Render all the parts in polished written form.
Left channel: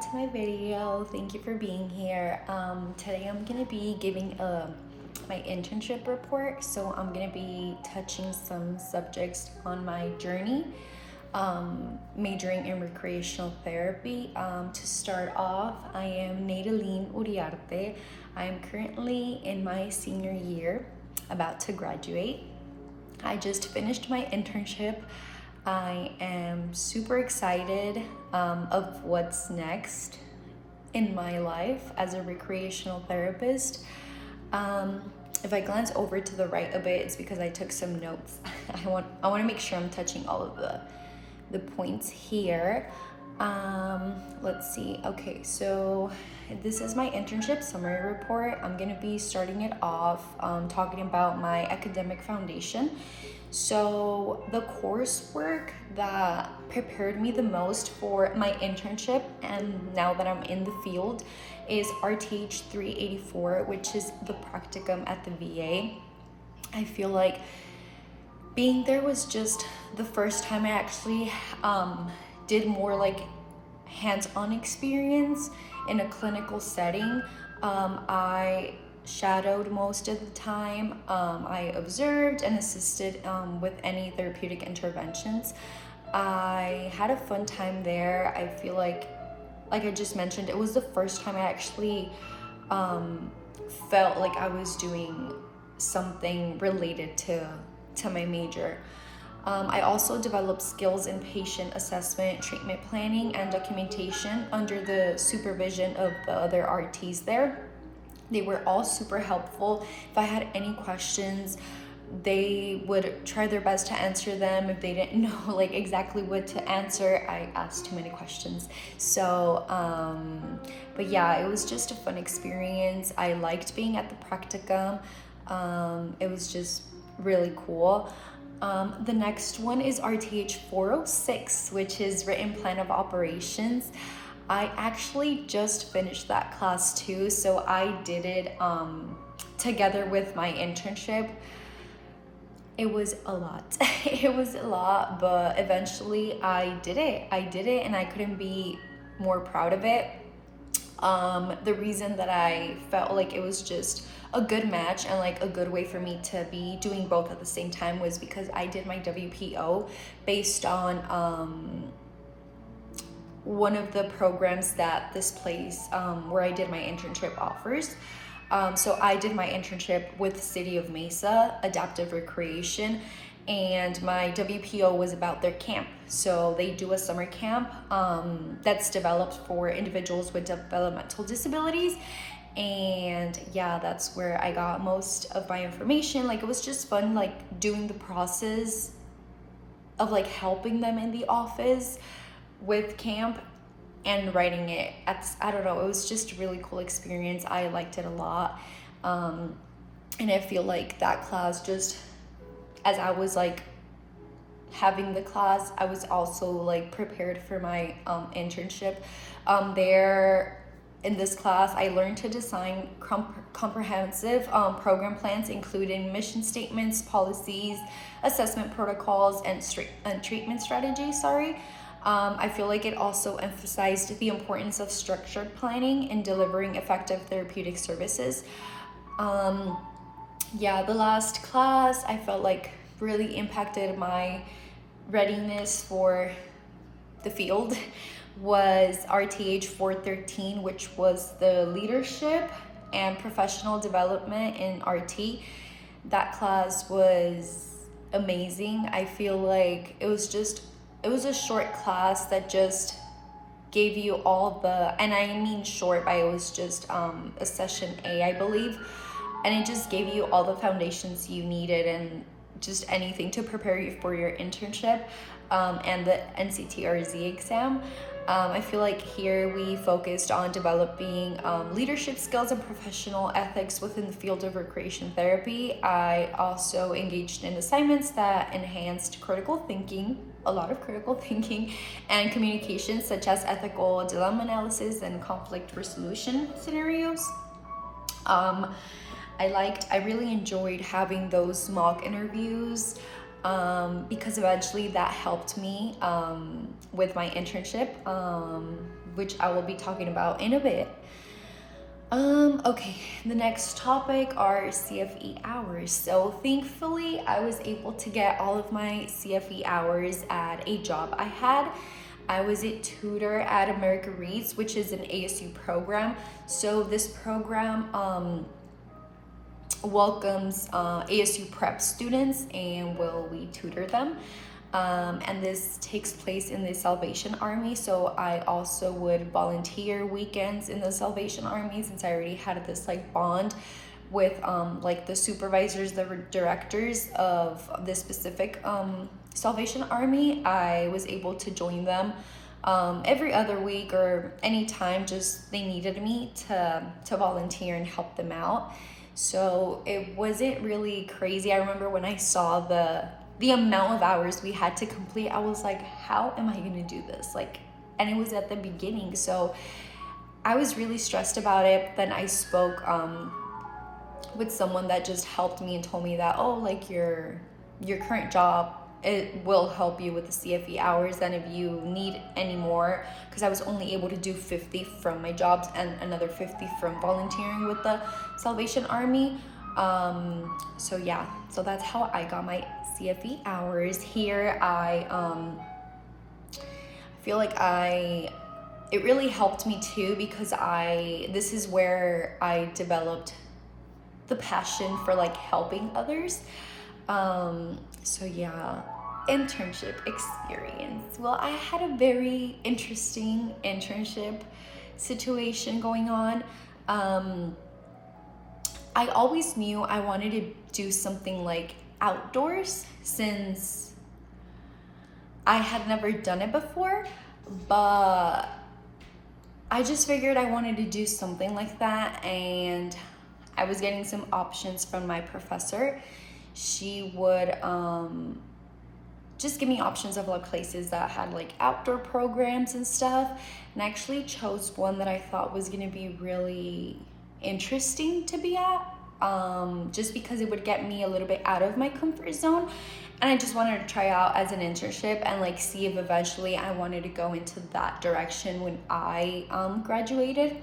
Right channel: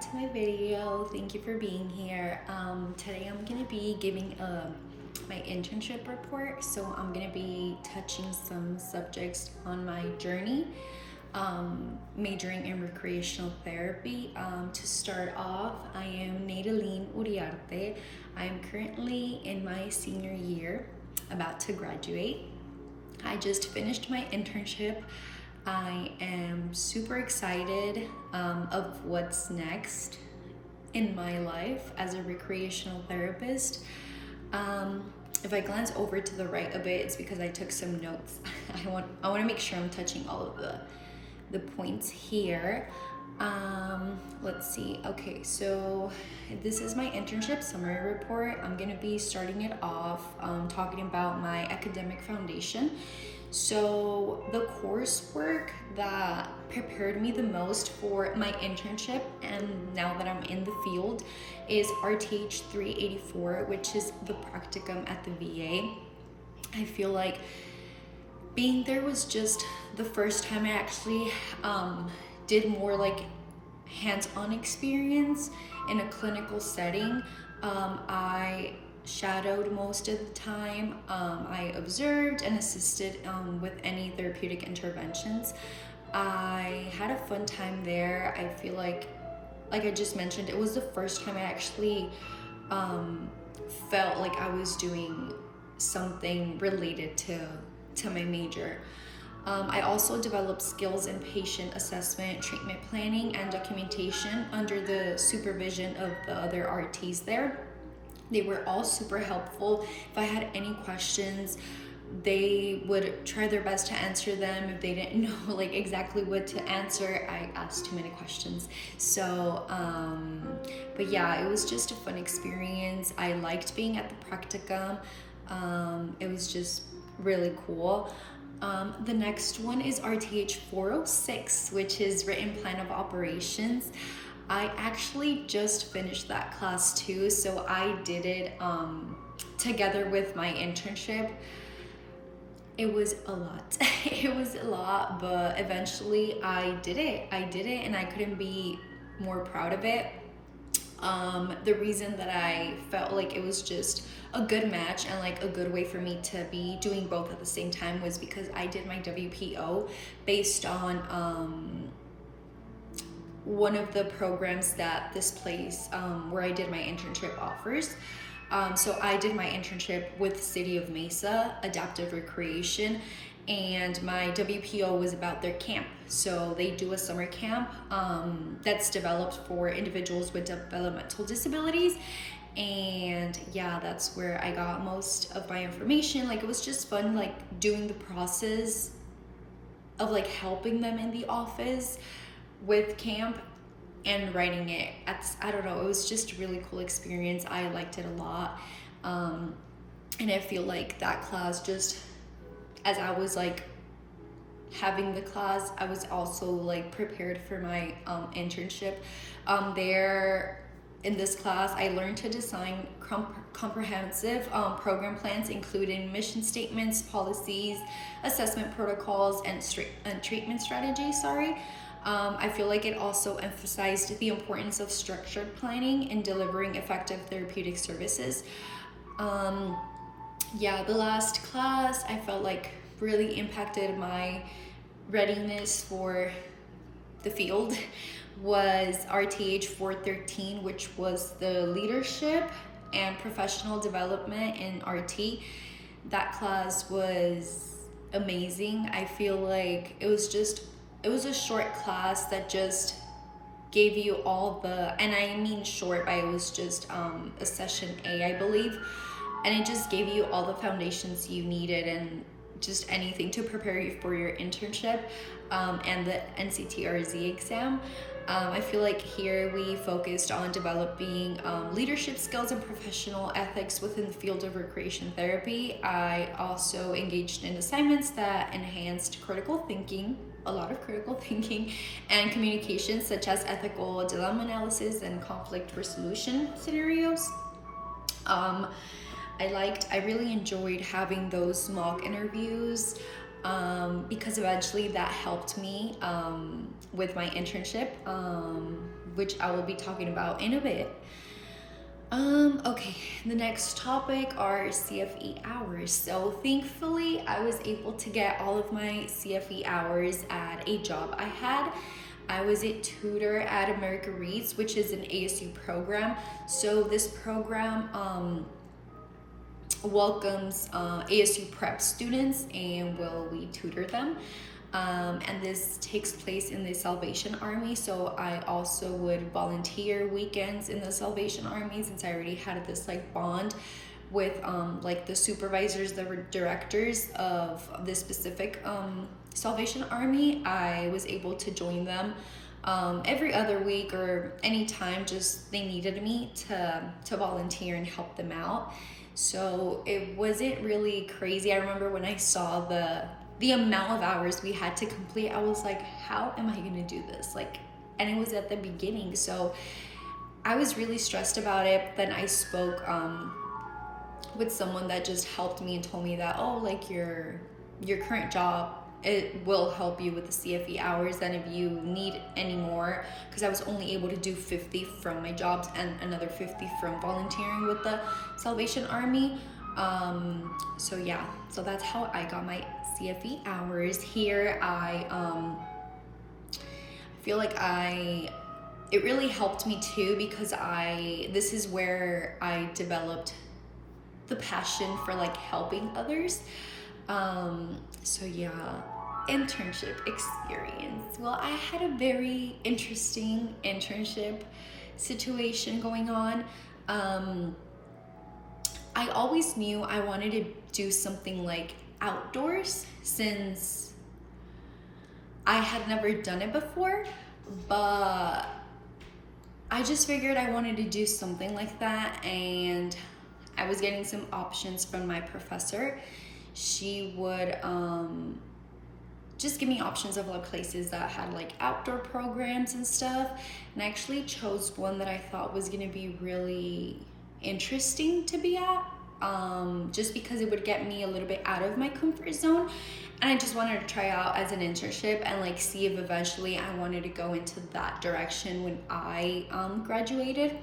to my video. Thank you for being here. Today I'm gonna be giving my internship report. So I'm gonna be touching some subjects on my journey, majoring in recreational therapy. To start off, I am Naydelin Uriarte. I am currently in my senior year, about to graduate. I just finished my internship. I am super excited of what's next in my life as a recreational therapist. If I glance over to the right a bit, it's because I took some notes. I want to make sure I'm touching all of the points here. Let's see. Okay, so this is my internship summary report. I'm gonna be starting it off talking about my academic foundation. So the coursework that prepared me the most for my internship and now that I'm in the field is RTH 384, which is the practicum at the VA. I feel like being there was just the first time I actually did more like hands-on experience in a clinical setting. I shadowed most of the time. I observed and assisted with any therapeutic interventions. I had a fun time there. I feel like I just mentioned, it was the first time I actually felt like I was doing something related to my major. I also developed skills in patient assessment, treatment planning, and documentation under the supervision of the other RTs there. They were all super helpful. If I had any questions, they would try their best to answer them. If they didn't know like exactly what to answer, I asked too many questions. So, but yeah, it was just a fun experience. I liked being at the practicum. It was just really cool. The next one is RTH 406, which is written plan of operations. I actually just finished that class too, so I did it together with my internship. It was a lot. It was a lot, but eventually I did it and I couldn't be more proud of it. The reason that I felt like it was just a good match and like a good way for me to be doing both at the same time was because I did my WPO based on one of the programs that this place where I did my internship offers. So I did my internship with City of Mesa Adaptive Recreation, and my WPO was about their camp. So they do a summer camp that's developed for individuals with developmental disabilities. And yeah, that's where I got most of my information. Like, it was just fun, like doing the process of like helping them in the office with camp and writing it. I don't know, it was just a really cool experience. I liked it a lot. And I feel like that class, just as I was like having the class, I was also like prepared for my internship. There in this class, I learned to design comprehensive program plans, including mission statements, policies, assessment protocols, and treatment strategies. I feel like it also emphasized the importance of structured planning in delivering effective therapeutic services. Yeah, the last class I felt like really impacted my readiness for the field was RTH 413, which was the leadership and professional development in RT. That class was amazing. I feel like it was a short class that just gave you all the, and I mean short, but it was just a session A, I believe, and it just gave you all the foundations you needed and just anything to prepare you for your internship and the NCTRZ exam. I feel like here we focused on developing leadership skills and professional ethics within the field of recreation therapy. I also engaged in assignments that enhanced critical thinking, a lot of critical thinking, and communication, such as ethical dilemma analysis and conflict resolution scenarios. I really enjoyed having those mock interviews. because eventually that helped me with my internship, which I will be talking about in a bit. Okay, the next topic are CFE hours. So thankfully, I was able to get all of my CFE hours at a job I had. I was a tutor at America Reads, which is an ASU program. So this program welcomes ASU prep students, and we tutor them. And this takes place in the Salvation Army. So I also would volunteer weekends in the Salvation Army, since I already had this like bond with like the supervisors, the directors of this specific Salvation Army. I was able to join them every other week or anytime just they needed me to volunteer and help them out. So it wasn't really crazy. I remember when I saw the amount of hours we had to complete, I was like, how am I gonna do this? Like, and it was at the beginning, so I was really stressed about it. Then I spoke with someone that just helped me and told me that, oh, like your current job, it will help you with the CFE hours, and if you need any more, because I was only able to do 50 from my jobs and another 50 from volunteering with the Salvation Army. So yeah, so that's how I got my CFE hours. Here I feel like it really helped me too, because this is where I developed the passion for like helping others. So yeah, internship experience. Well, I had a very interesting internship situation going on. I always knew I wanted to do something like outdoors, since I had never done it before, but I just figured I wanted to do something like that, and I was getting some options from my professor. She would just give me options of like places that had like outdoor programs and stuff, and I actually chose one that I thought was gonna be really interesting to be at, just because it would get me a little bit out of my comfort zone, and I just wanted to try out as an internship and like see if eventually I wanted to go into that direction when I graduated.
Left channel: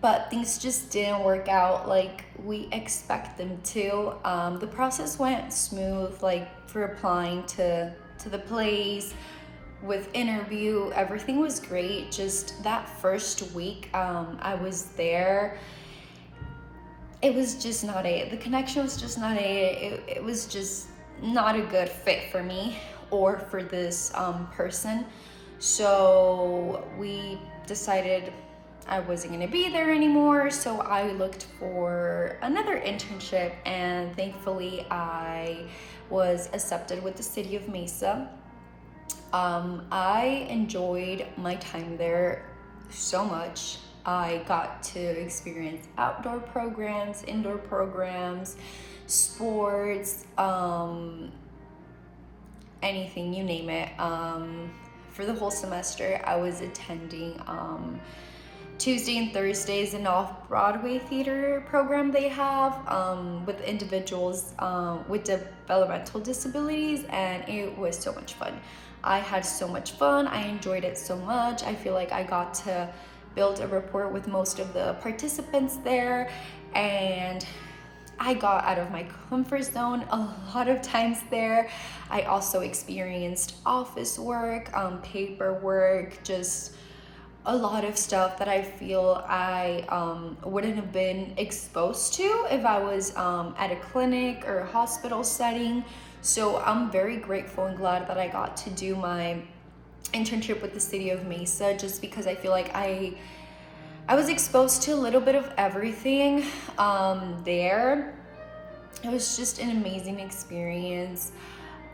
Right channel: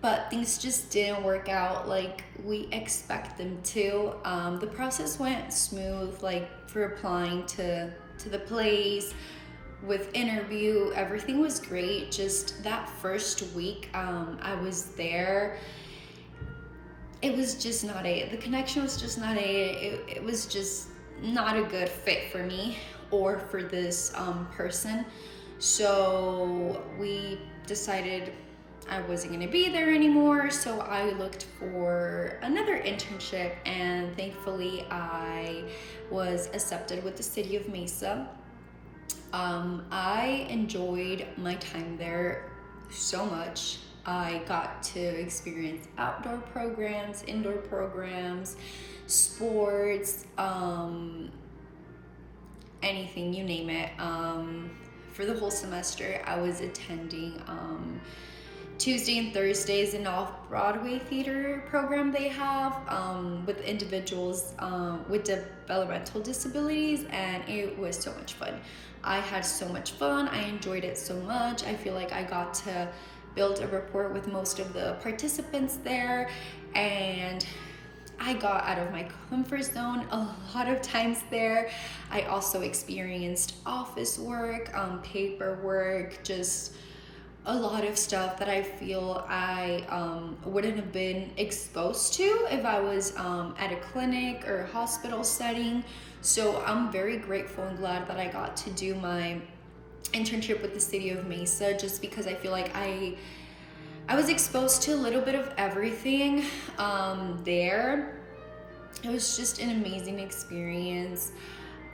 But things just didn't work out like we expect them to. The process went smooth, like for applying to the place, with interview, everything was great. Just that first week I was there, it was just not it. The connection was just not it. It was just not a good fit for me or for this person. So we decided I wasn't gonna be there anymore. So I looked for another internship, and thankfully I was accepted with the city of Mesa. I enjoyed my time there so much. I got to experience outdoor programs, indoor programs, sports, anything, you name it. For the whole semester, I was attending Tuesday and Thursdays an off-Broadway theater program they have with individuals with developmental disabilities, and it was so much fun. I had so much fun. I enjoyed it so much. I feel like I got to build a rapport with most of the participants there, and I got out of my comfort zone a lot of times there. I also experienced office work, paperwork, just a lot of stuff that I feel I wouldn't have been exposed to if I was at a clinic or a hospital setting. So I'm very grateful and glad that I got to do my internship with the city of Mesa, just because I feel like I was exposed to a little bit of everything there. It was just an amazing experience.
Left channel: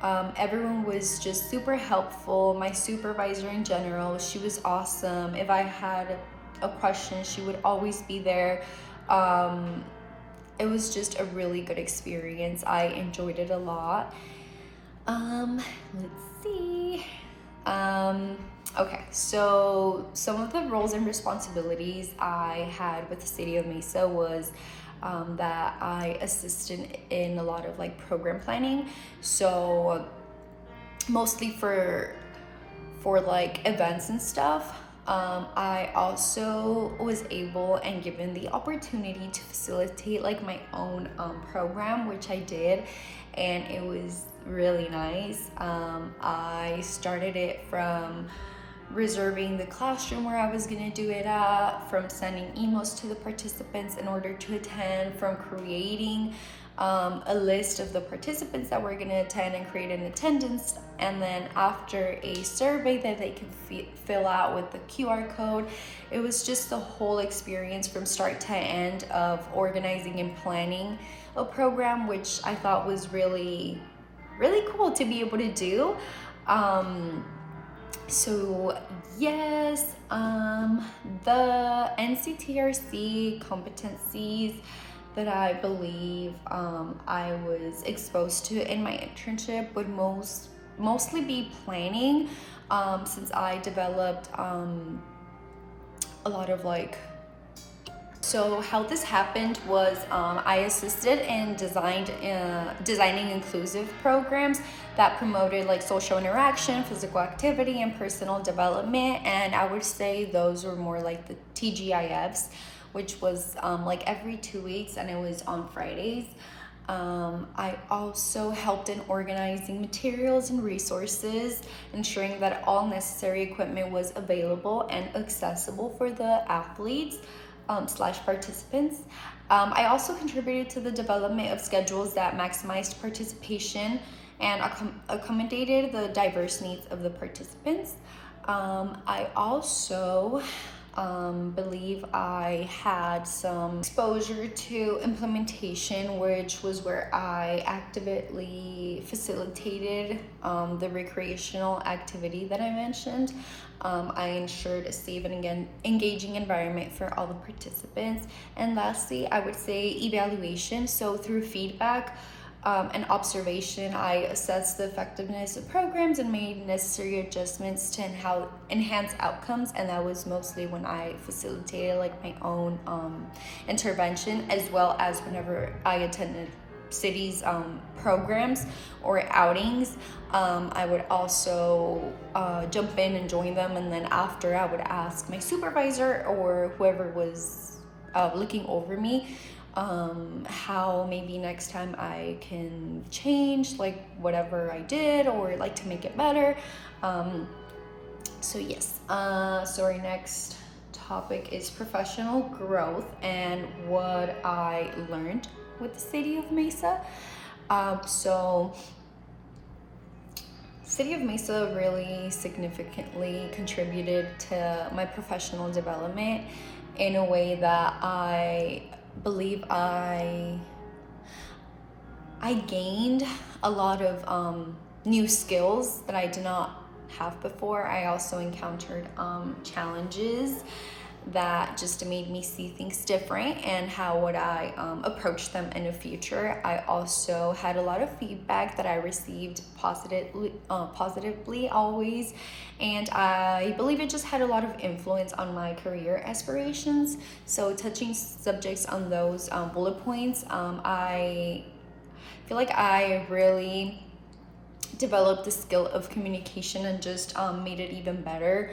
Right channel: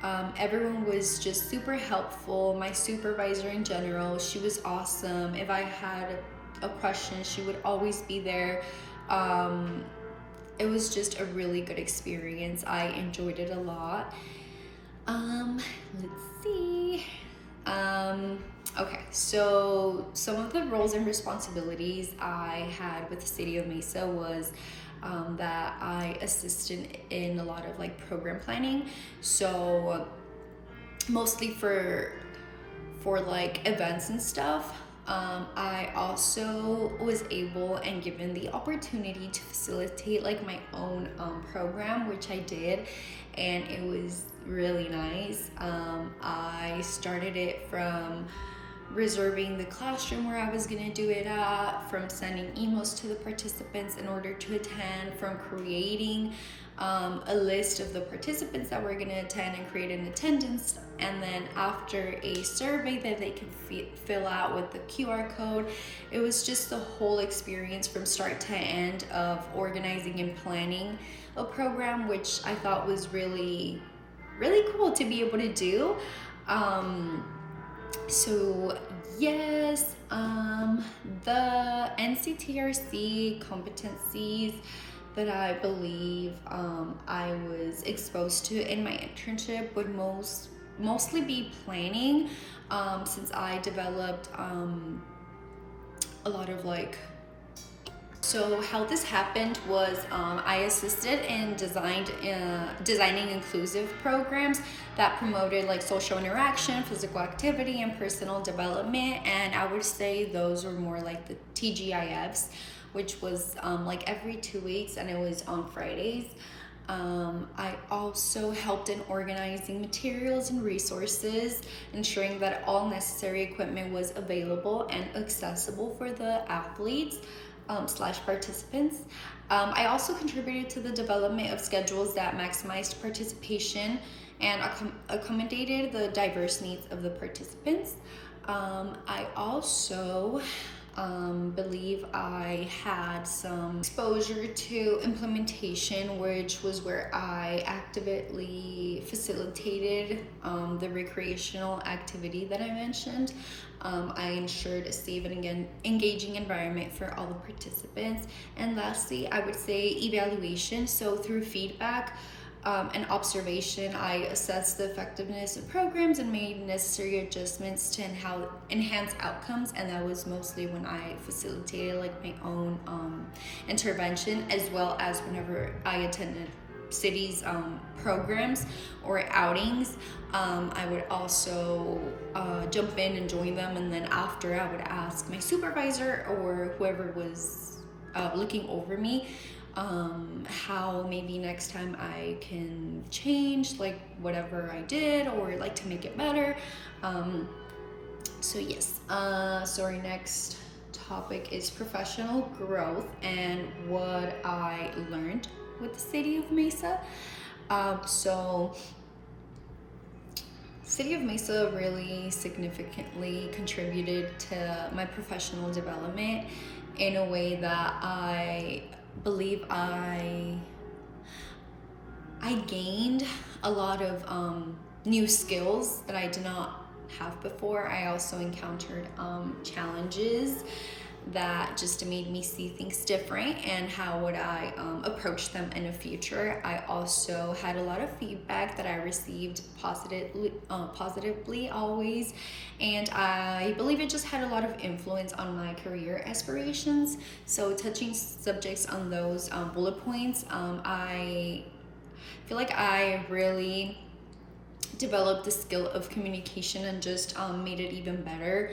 Everyone was just super helpful. My supervisor in general, she was awesome. If I had a question, she would always be there. It was just a really good experience. I enjoyed it a lot. Let's see. Okay, so some of the roles and responsibilities I had with the city of Mesa was that I assisted in a lot of like program planning. So mostly for like events and stuff. I also was able and given the opportunity to facilitate like my own program, which I did, and it was really nice. I started it from reserving the classroom where I was gonna do it at, from sending emails to the participants in order to attend, from creating a list of the participants that were gonna attend and create an attendance, and then after a survey that they could fill out with the QR code. It was just the whole experience from start to end of organizing and planning a program, which I thought was really, really cool to be able to do. So yes, the NCTRC competencies that I believe I was exposed to in my internship would mostly be planning, since I developed a lot of like. So how this happened was I assisted in designing inclusive programs that promoted like social interaction, physical activity, and personal development. And I would say those were more like the TGIFs, which was like every 2 weeks, and it was on Fridays. I also helped in organizing materials and resources, ensuring that all necessary equipment was available and accessible for the athletes slash participants. I also contributed to the development of schedules that maximized participation and accommodated the diverse needs of the participants. I also believe I had some exposure to implementation, which was where I actively facilitated the recreational activity that I mentioned. I ensured a safe and engaging environment for all the participants. And lastly, I would say evaluation. So through feedback and observation, I assessed the effectiveness of programs and made necessary adjustments to enhance outcomes. And that was mostly when I facilitated like my own intervention, as well as whenever I attended cities programs or outings. I would also jump in and join them, and then after I would ask my supervisor or whoever was looking over me how maybe next time I can change like whatever I did or like to make it better. So yes, so our next topic is professional growth and what I learned with the city of Mesa. So City of Mesa really significantly contributed to my professional development in a way that I believe I gained a lot of new skills that I did not have before. I also encountered challenges that just made me see things different and how would I approach them in the future. I also had a lot of feedback that I received positively always, and I believe it just had a lot of influence on my career aspirations. So touching subjects on those bullet points, I feel like I really developed the skill of communication and just made it even better.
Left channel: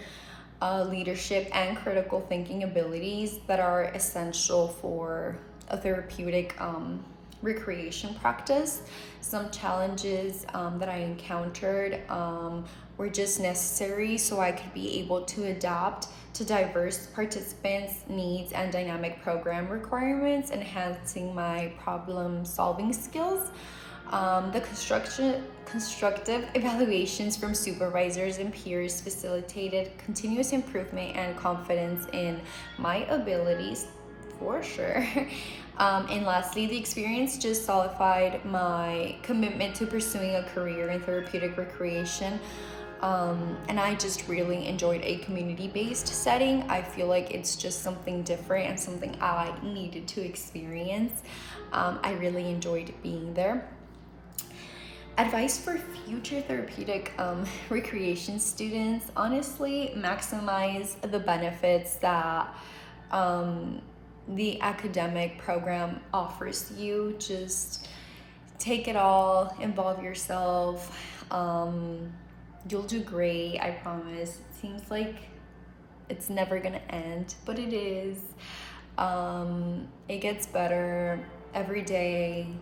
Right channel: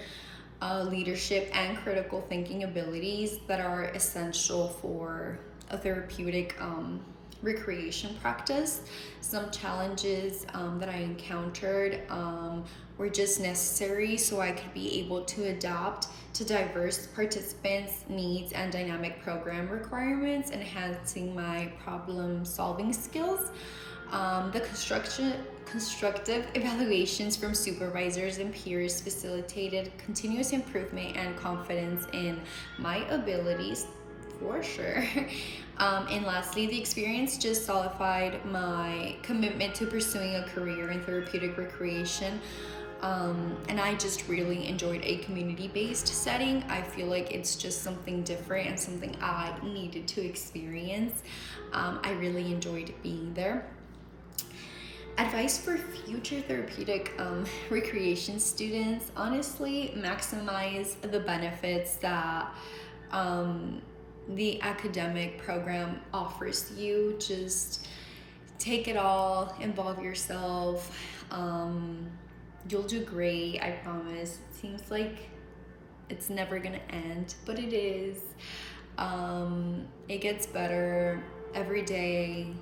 Leadership and critical thinking abilities that are essential for a therapeutic recreation practice. Some challenges that I encountered were just necessary so I could be able to adapt to diverse participants' needs and dynamic program requirements, enhancing my problem solving skills. The constructive evaluations from supervisors and peers facilitated continuous improvement and confidence in my abilities, for sure. And lastly, the experience just solidified my commitment to pursuing a career in therapeutic recreation. And I just really enjoyed a community-based setting. I feel like it's just something different and something I needed to experience. I really enjoyed being there. Advice for future therapeutic recreation students: honestly, maximize the benefits that the academic program offers you. Just take it all, involve yourself. You'll do great, I promise. It seems like it's never gonna end, but it is. It gets better every day.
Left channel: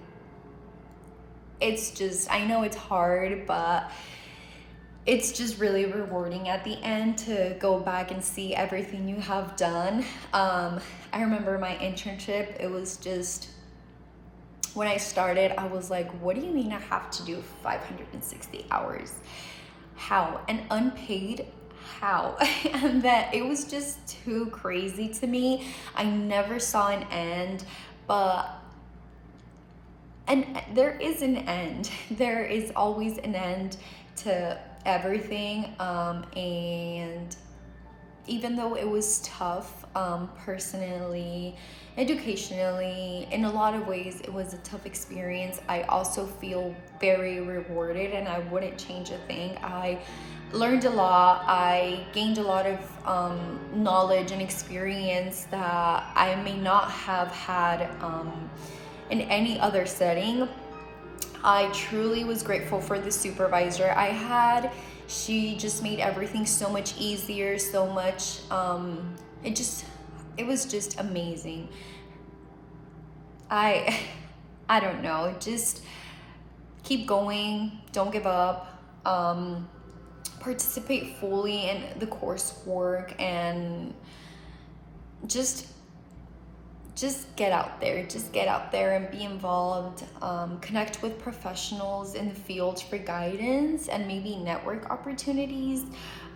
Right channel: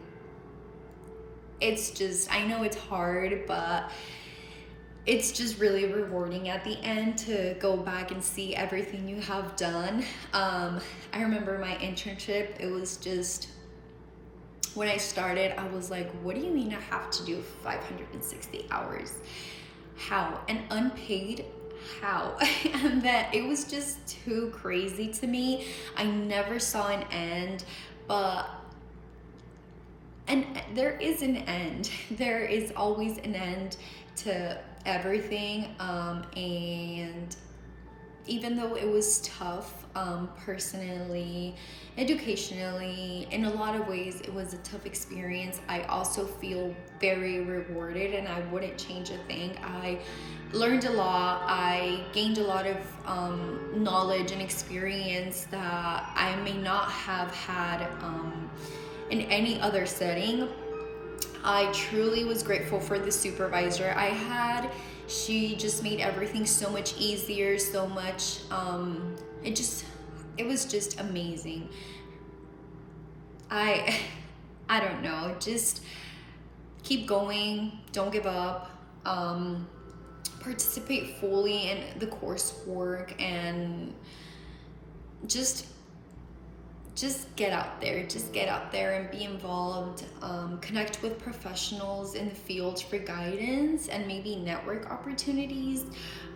It's just, I know it's hard, but it's just really rewarding at the end to go back and see everything you have done. I remember my internship, it was just, when I started, I was like, what do you mean I have to do 560 hours? How? And unpaid? How? And that it was just too crazy to me. I never saw an end, and there is an end. There is always an end to everything. And even though it was tough, personally, educationally, in a lot of ways, it was a tough experience. I also feel very rewarded, and I wouldn't change a thing. I learned a lot. I gained a lot of knowledge and experience that I may not have had in any other setting. I truly was grateful for the supervisor I had. She just made everything so much easier, so much, it was just amazing. I don't know, just keep going, don't give up, participate fully in the coursework, and just get out there and be involved. Connect with professionals in the field for guidance and maybe network opportunities.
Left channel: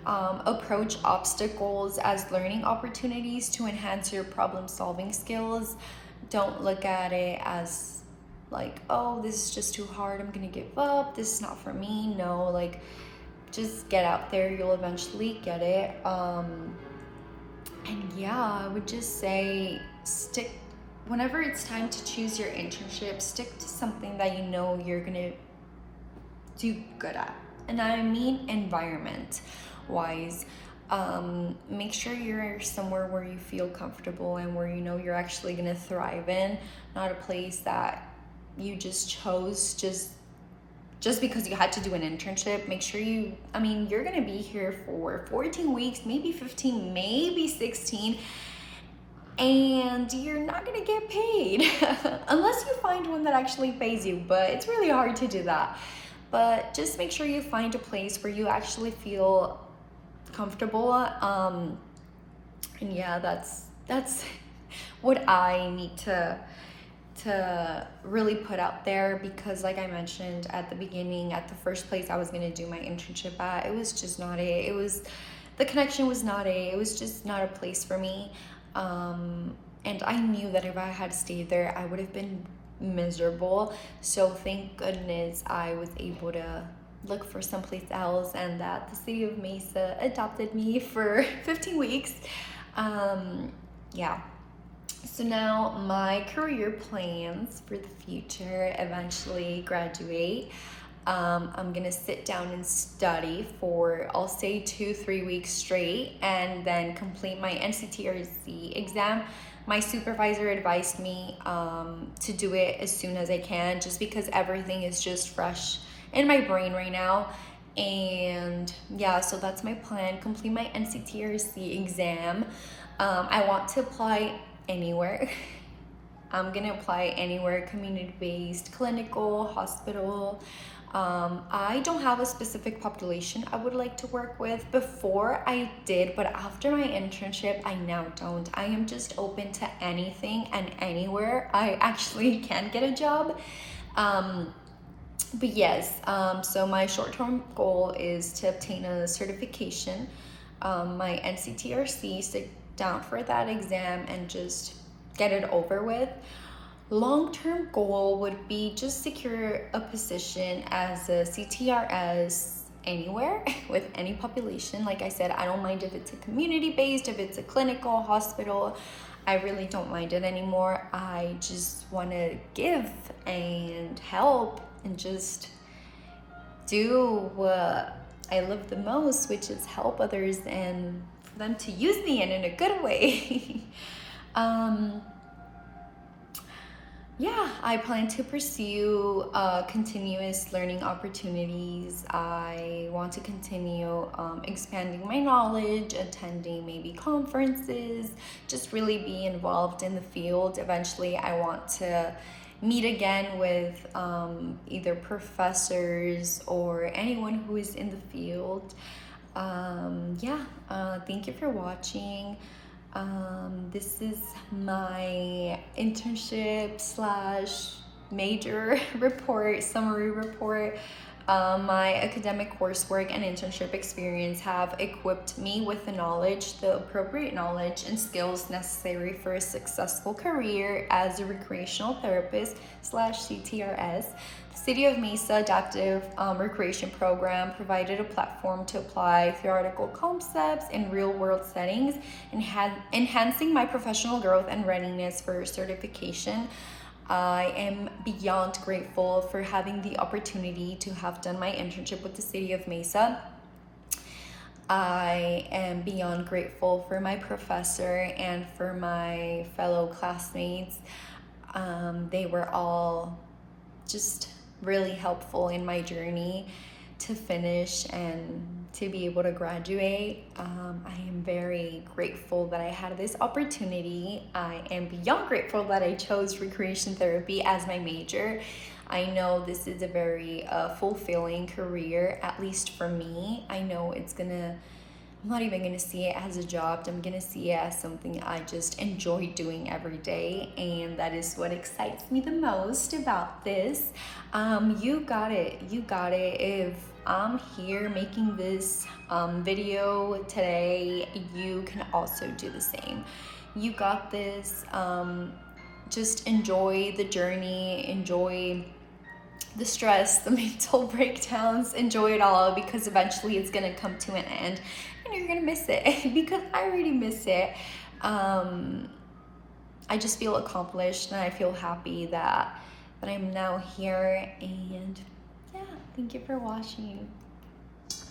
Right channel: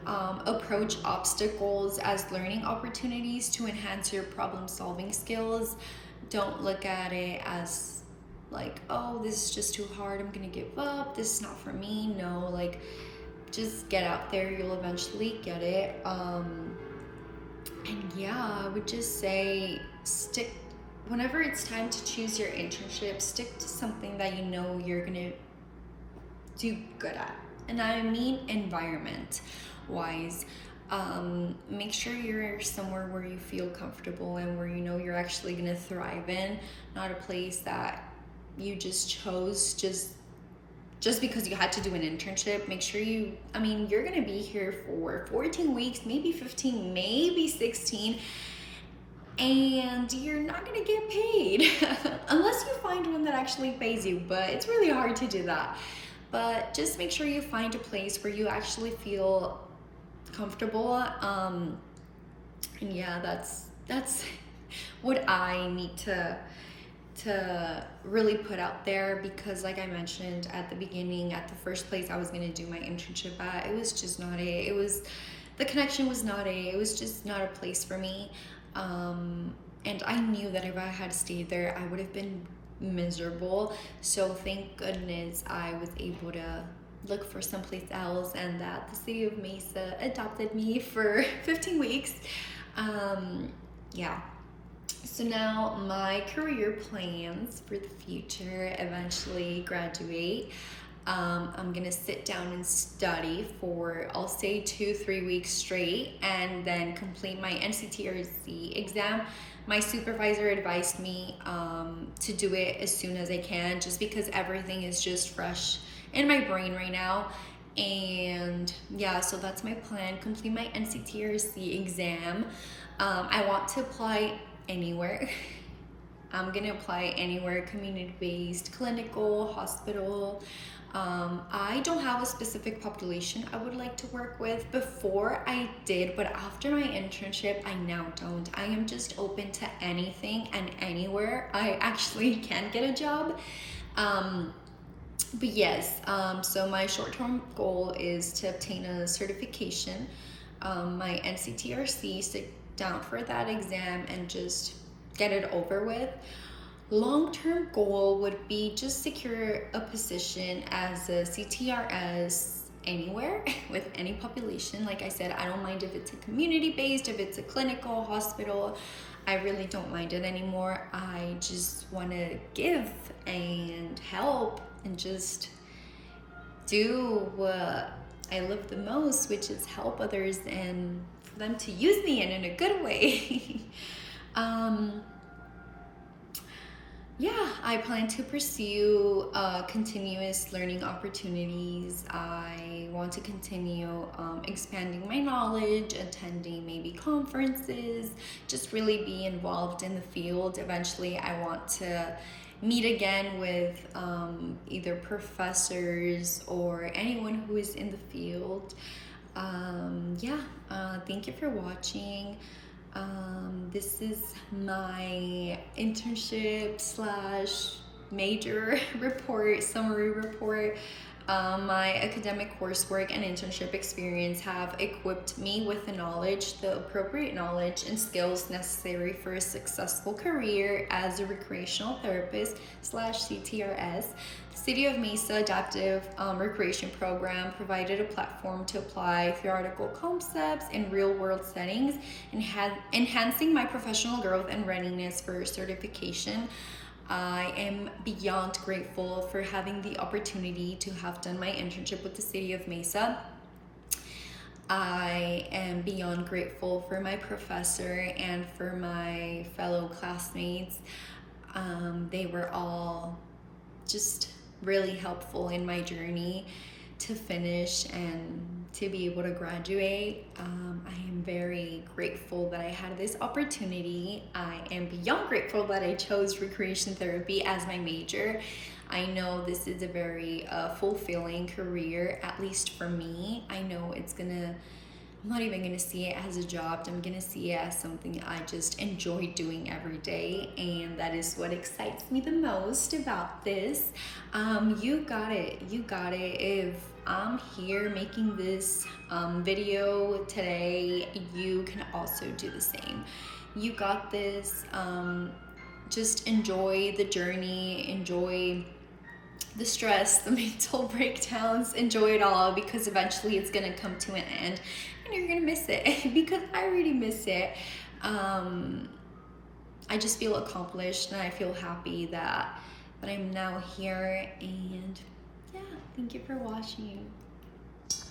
Approach obstacles as learning opportunities to enhance your problem solving skills. Don't look at it as like, oh, this is just too hard, I'm gonna give up, this is not for me. No, like, just get out there, you'll eventually get it. And yeah, I would just say whenever it's time to choose your internship, stick to something that you know you're gonna do good at. And I mean environment wise. Make sure you're somewhere where you feel comfortable and where you know you're actually gonna thrive in, not a place that you just chose just because you had to do an internship. Make sure you're gonna be here for 14 weeks, maybe 15, maybe 16, and you're not gonna get paid unless you find one that actually pays you, but it's really hard to do that. But just make sure you find a place where you actually feel comfortable. And yeah, that's what I need to really put out there, because like I mentioned at the beginning, at the first place I was going to do my internship at, it was just not the connection was not it was just not a place for me. And I knew that if I had stayed there, I would have been miserable. So thank goodness I was able to look for someplace else, and that the city of Mesa adopted me for 15 weeks. Yeah. So now my career plans for the future: eventually graduate. I'm gonna sit down and study for, I'll say, 2-3 weeks straight, and then complete my NCTRC exam. My supervisor advised me to do it as soon as I can, just because everything is just fresh in my brain right now. And yeah, so that's my plan: complete my NCTRC exam. I want to apply anywhere. I'm gonna apply anywhere: community-based, clinical, hospital. I don't have a specific population I would like to work with. Before I did, but after my internship, I now don't. I am just open to anything and anywhere I actually can get a job. But yes, so my short-term goal is to obtain a certification, my NCTRC, sit down for that exam and just get it over with. Long-term goal would be just secure a position as a CTRS anywhere with any population. Like I said, I don't mind if it's a community-based, if it's a clinical, hospital. I really don't mind it anymore. I just want to give and help and just do what I love the most, which is help others and for them to use me in a good way. Yeah, I plan to pursue continuous learning opportunities. I want to continue expanding my knowledge, attending maybe conferences, just really be involved in the field. Eventually, I want to meet again with either professors or anyone who is in the field. Yeah, thank you for watching. This is my internship slash major report, summary report. My academic coursework and internship experience have equipped me with the appropriate knowledge and skills necessary for a successful career as a recreational therapist slash CTRS. The City of Mesa Adaptive Recreation Program provided a platform to apply theoretical concepts in real-world settings, enhancing my professional growth and readiness for certification. I am beyond grateful for having the opportunity to have done my internship with the City of Mesa. I am beyond grateful for my professor and for my fellow classmates. They were all just really helpful in my journey to finish and to be able to graduate. I am very grateful that I had this opportunity. I am beyond grateful that I chose recreation therapy as my major. I know this is a very fulfilling career, at least for me. I know I'm not even gonna see it as a job. I'm gonna see it as something I just enjoy doing every day, and that is what excites me the most about this. You got it. You got it. If I'm here making this video today, you can also do the same. You got this. Just enjoy the journey. Enjoy the stress, the mental breakdowns, enjoy it all, because eventually it's gonna come to an end and you're gonna miss it because I already miss it. I just feel accomplished and I feel happy that I'm now here, and yeah, thank you for watching.